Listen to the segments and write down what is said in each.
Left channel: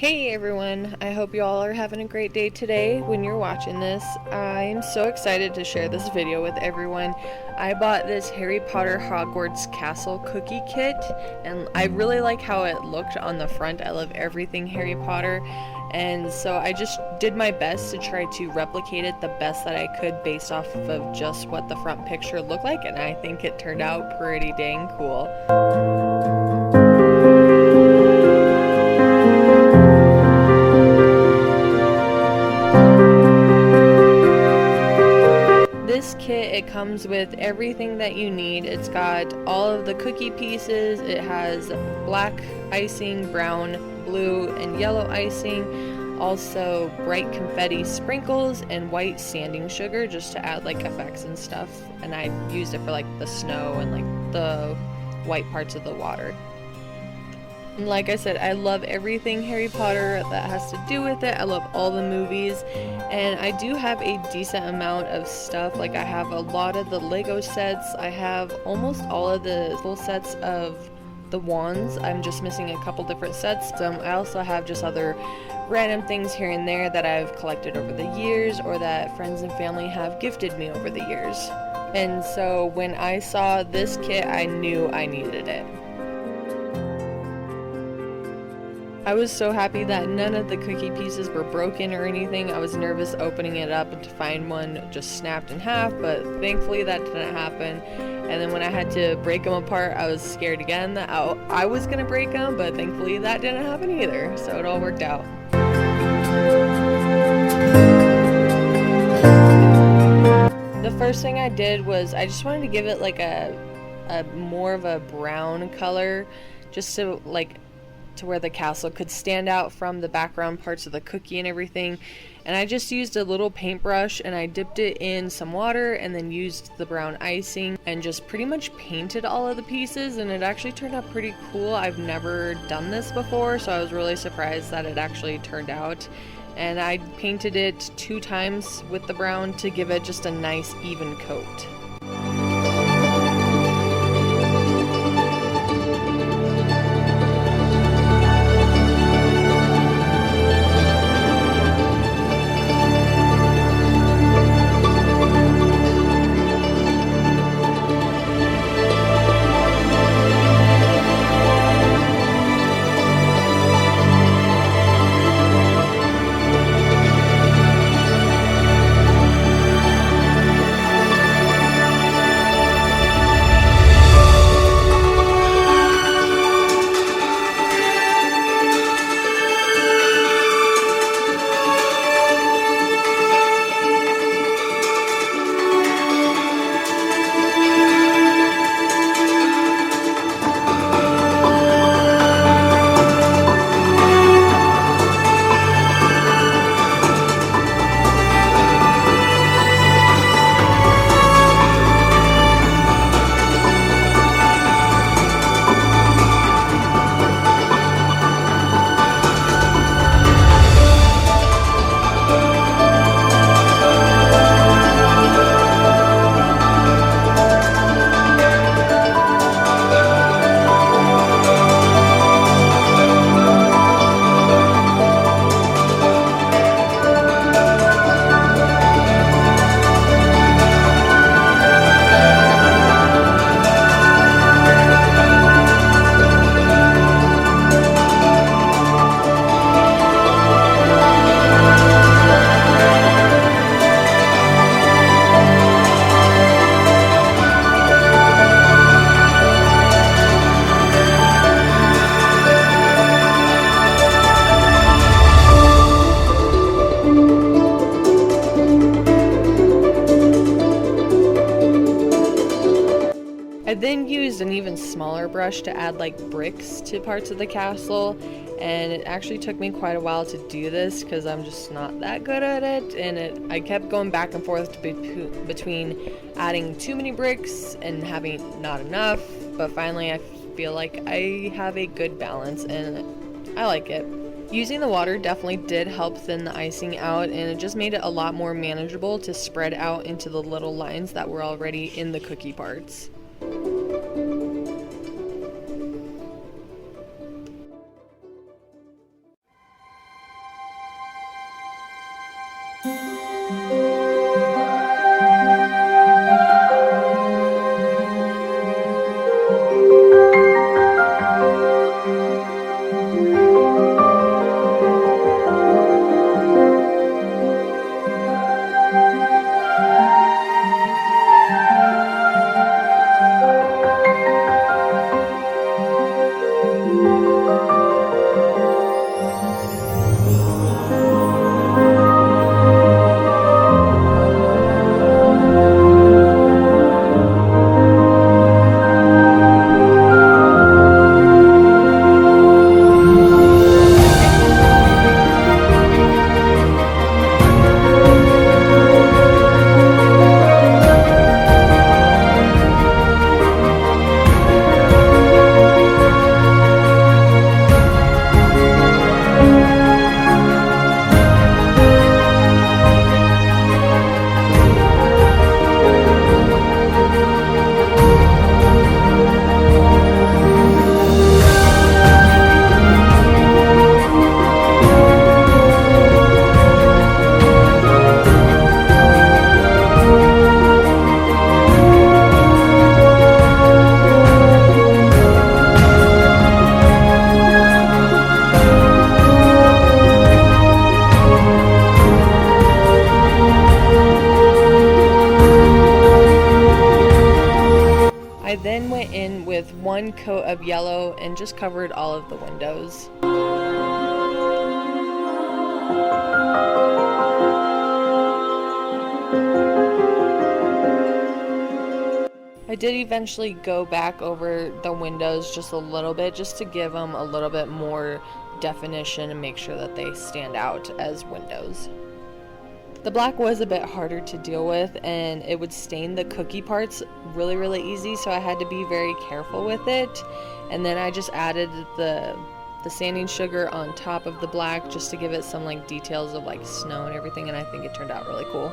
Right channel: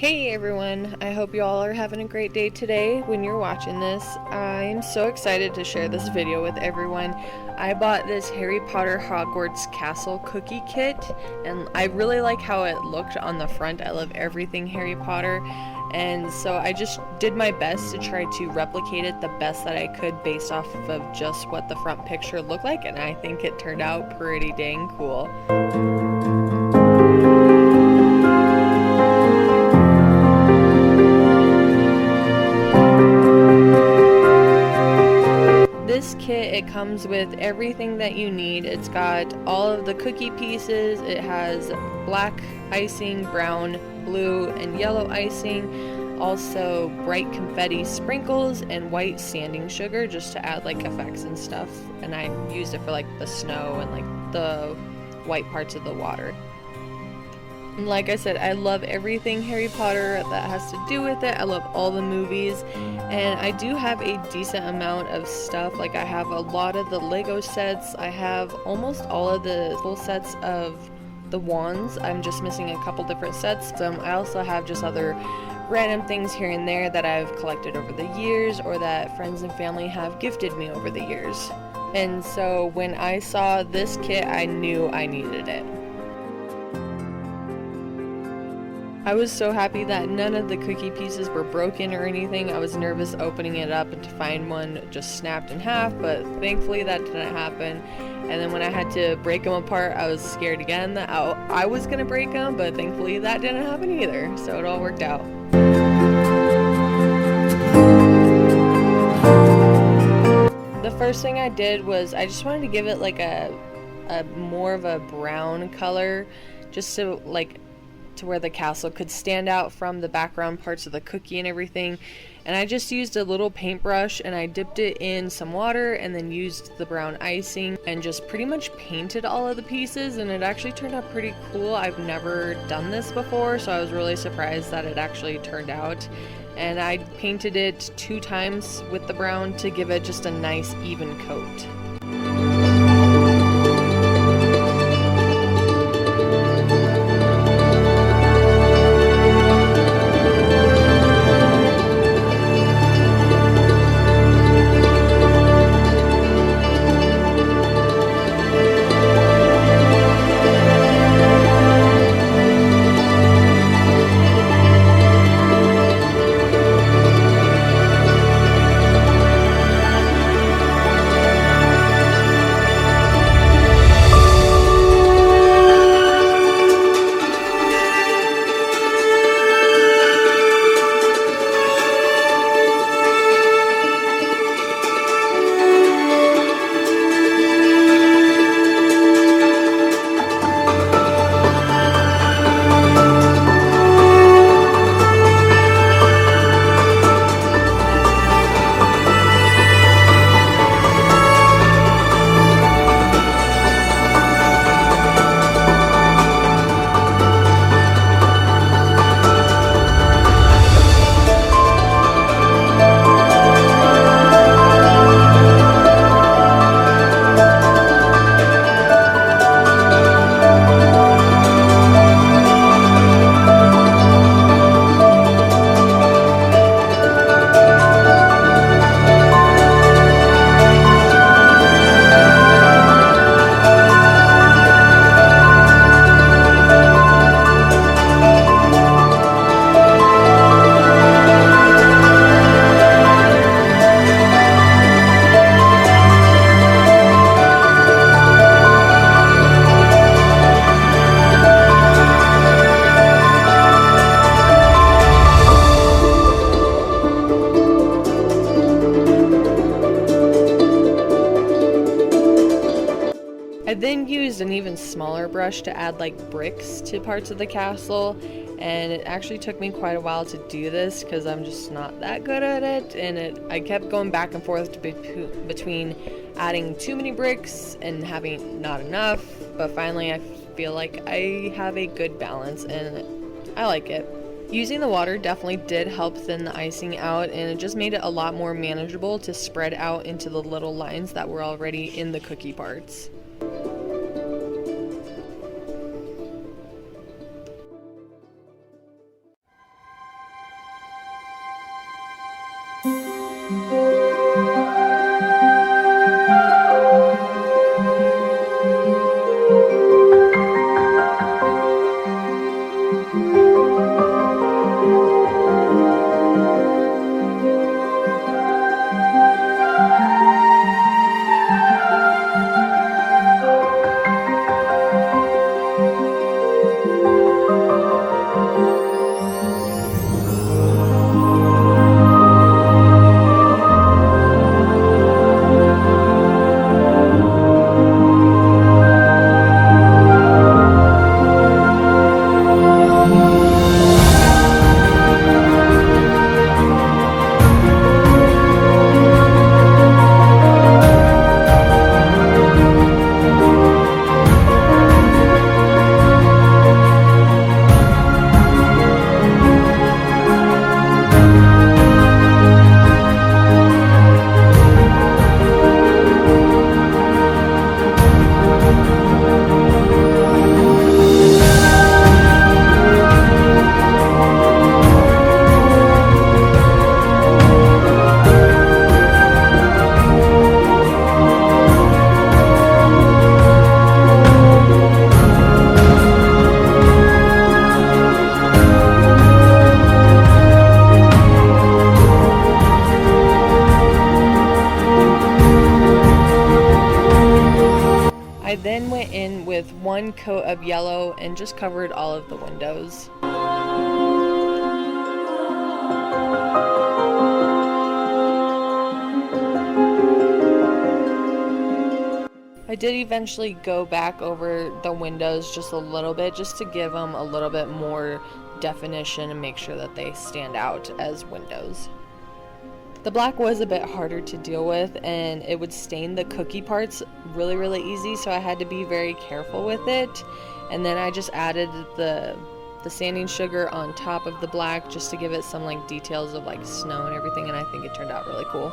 Hey everyone, I hope you all are having a great day today when you're watching this. I'm so excited to share this video with everyone. I bought this Harry Potter Hogwarts Castle cookie kit and I really like how it looked on the front. I love everything Harry Potter, and so I just did my best to try to replicate it the best that I could based off of just what the front picture looked like, and I think it turned out pretty dang cool. This kit, it comes with everything that you need. It's got all of the cookie pieces, it has black icing, brown, blue, and yellow icing, also bright confetti sprinkles, and white sanding sugar just to add like effects and stuff. And I used it for like the snow and like the white parts of the water. And like I said, I love everything Harry Potter that has to do with it. I love all the movies, and I do have a decent amount of stuff. Like I have a lot of the Lego sets. I have almost all of the full sets of the wands. I'm just missing a couple different sets. I also have just other random things here and there that I've collected over the years or that friends and family have gifted me over the years. And so when I saw this kit, I knew I needed it. I was so happy that none of the cookie pieces were broken or anything. I was nervous opening it up and to find one just snapped in half, but thankfully that didn't happen. And then when I had to break them apart, I was scared again that I was gonna break them, but thankfully that didn't happen either, so it all worked out. The first thing I did was I just wanted to give it like a more of a brown color, just to where the castle could stand out from the background parts of the cookie and everything. And I just used a little paintbrush and I dipped it in some water and then used the brown icing and just pretty much painted all of the pieces, and it actually turned out pretty cool. I've never done this before, so I was really surprised that it actually turned out. And I painted it 2 times with the brown to give it just a nice even coat. I then used an even smaller brush to add like bricks to parts of the castle, and it actually took me quite a while to do this because I'm just not that good at it, and I kept going back and forth between adding too many bricks and having not enough, but finally I feel like I have a good balance and I like it. Using the water definitely did help thin the icing out, and it just made it a lot more manageable to spread out into the little lines that were already in the cookie parts. I then went in with one coat of yellow and just covered all of the windows. I did eventually go back over the windows just a little bit, just to give them a little bit more definition and make sure that they stand out as windows. The black was a bit harder to deal with, and it would stain the cookie parts really easy, so I had to be very careful with it. And then I just added the sanding sugar on top of the black just to give it some like details of like snow and everything, and I think it turned out really cool.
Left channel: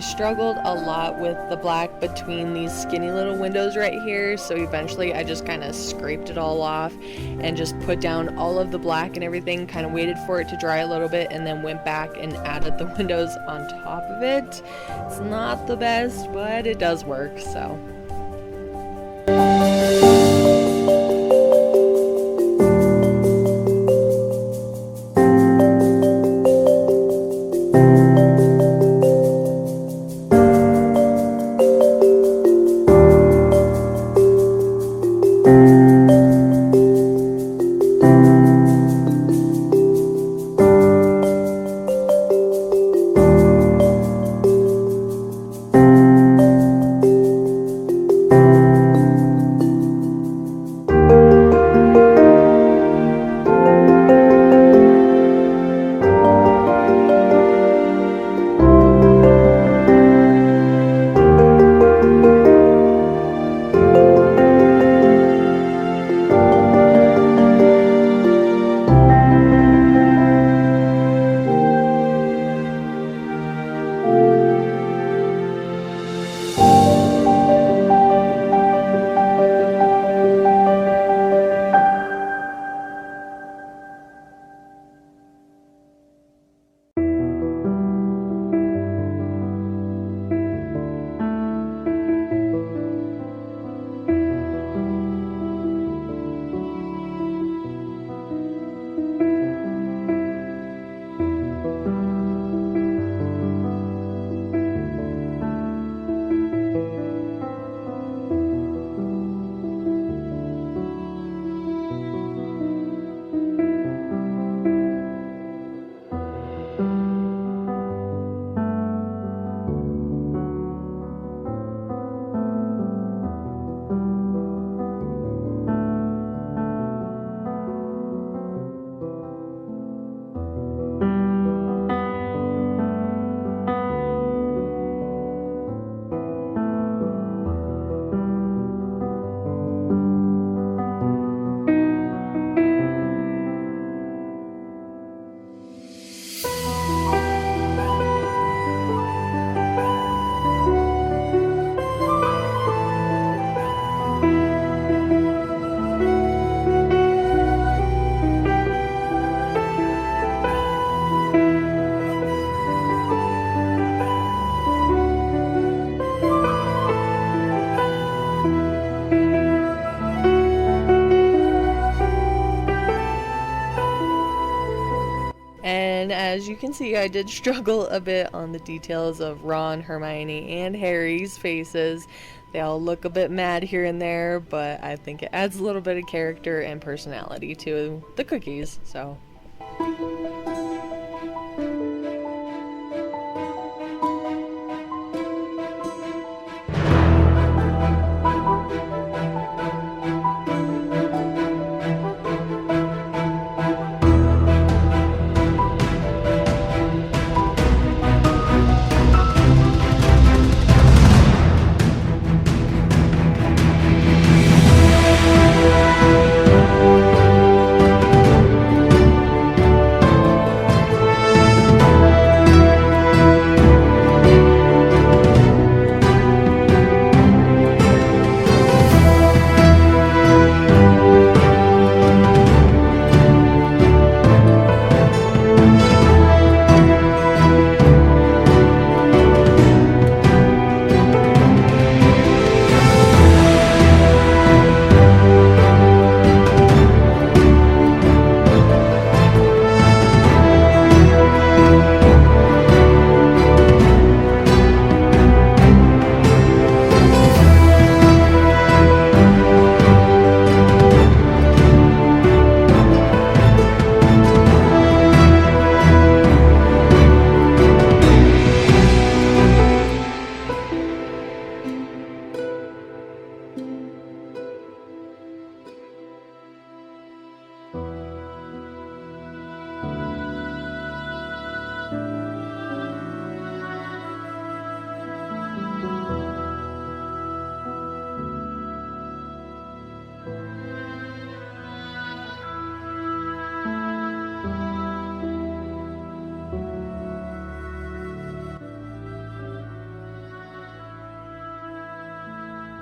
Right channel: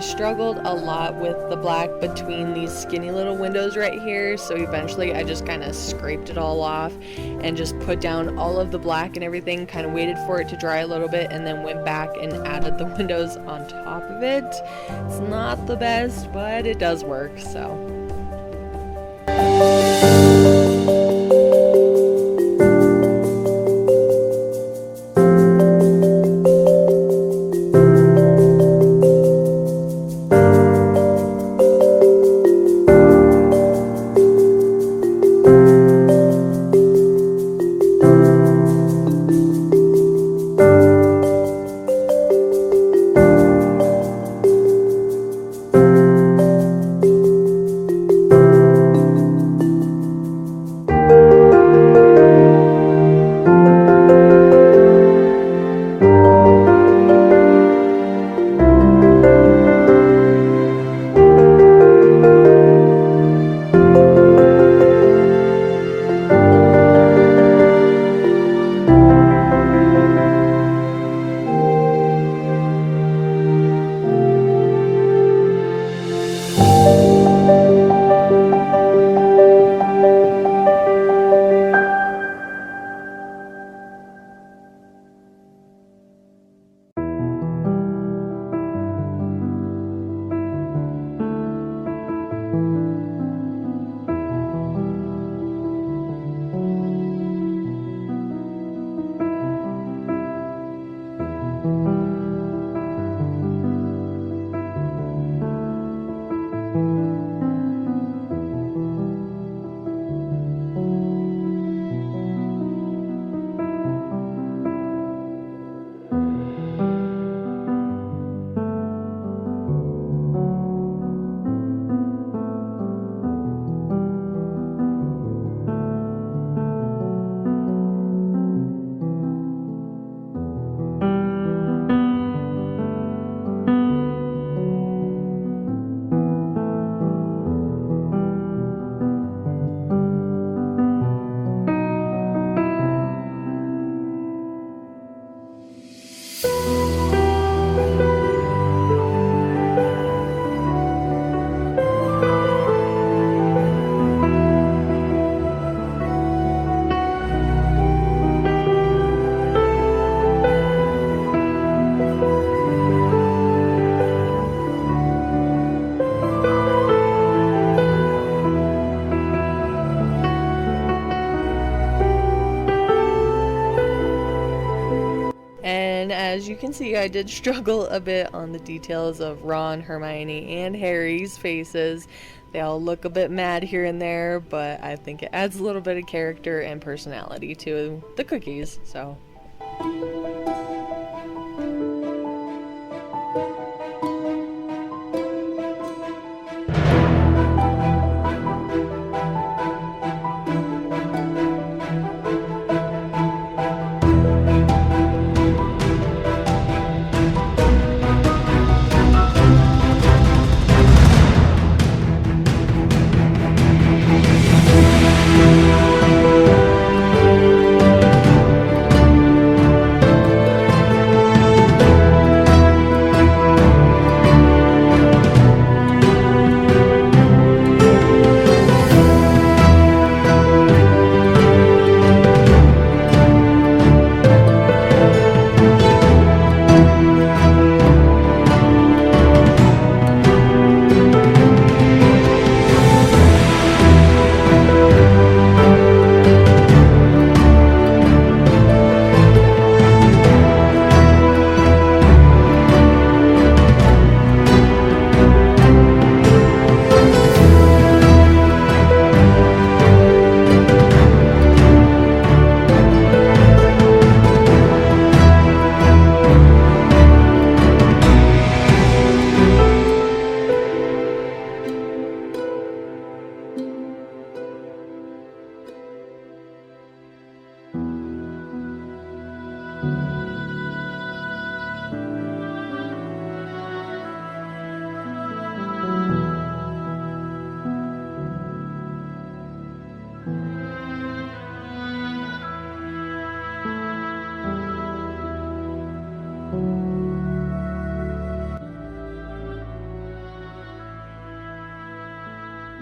Struggled a lot with the black between these skinny little windows right here, so eventually I just kind of scraped it all off and just put down all of the black and everything, kind of waited for it to dry a little bit, and then went back and added the windows on top of it. It's not the best, but it does work, so. you can see, I did struggle a bit on the details of Ron, Hermione, and Harry's faces. They all look a bit mad here and there, but I think it adds a little bit of character and personality to the cookies, so...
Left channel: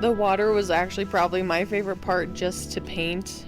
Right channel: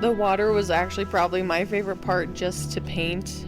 The water was actually probably my favorite part just to paint.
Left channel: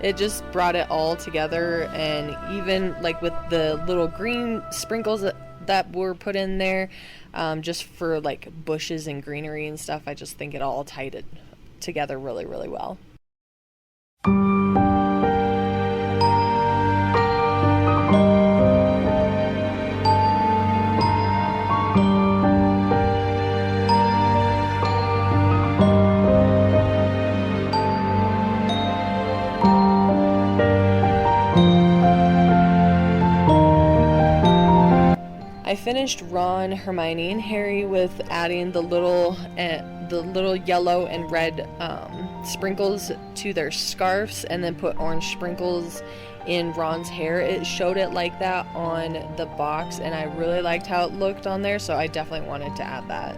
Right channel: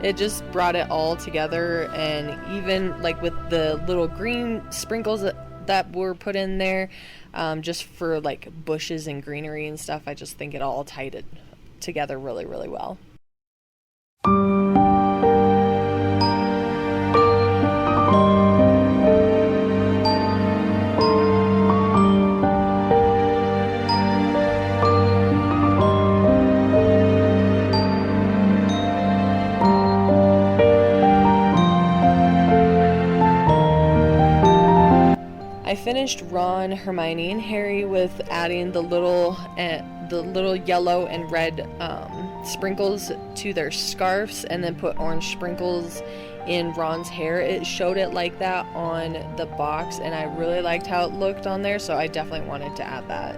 It just brought it all together, and even like with the little green sprinkles that were put in there, just for like bushes and greenery and stuff, I just think it all tied it together really, really well. I finished Ron, Hermione, and Harry with adding the little yellow and red sprinkles to their scarves, and then put orange sprinkles in Ron's hair. It showed it like that on the box, and I really liked how it looked on there, so I definitely wanted to add that.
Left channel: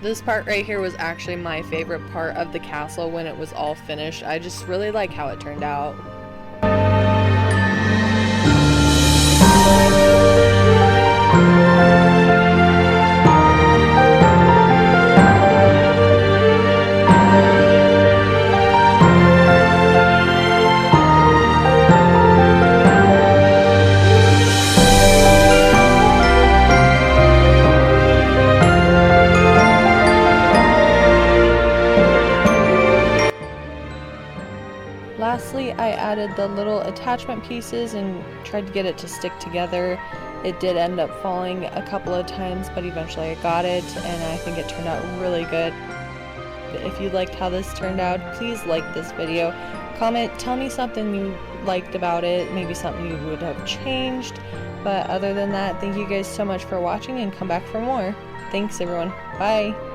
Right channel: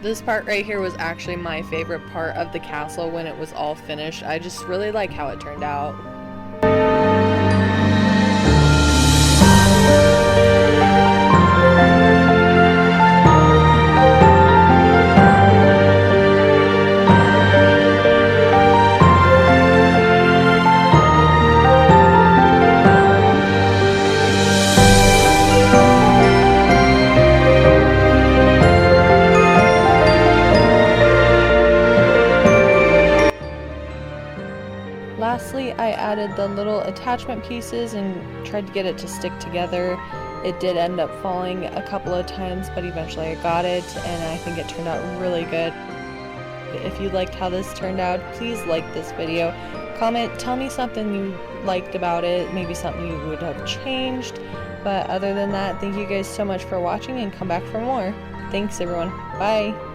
This part right here was actually my favorite part of the castle when it was all finished. I just really like how it turned out. Lastly, I added the little attachment pieces and tried to get it to stick together. It did end up falling a couple of times, but eventually I got it, and I think it turned out really good. If you liked how this turned out, please like this video. Comment, tell me something you liked about it, maybe something you would have changed. But other than that, thank you guys so much for watching, and come back for more. Thanks everyone. Bye!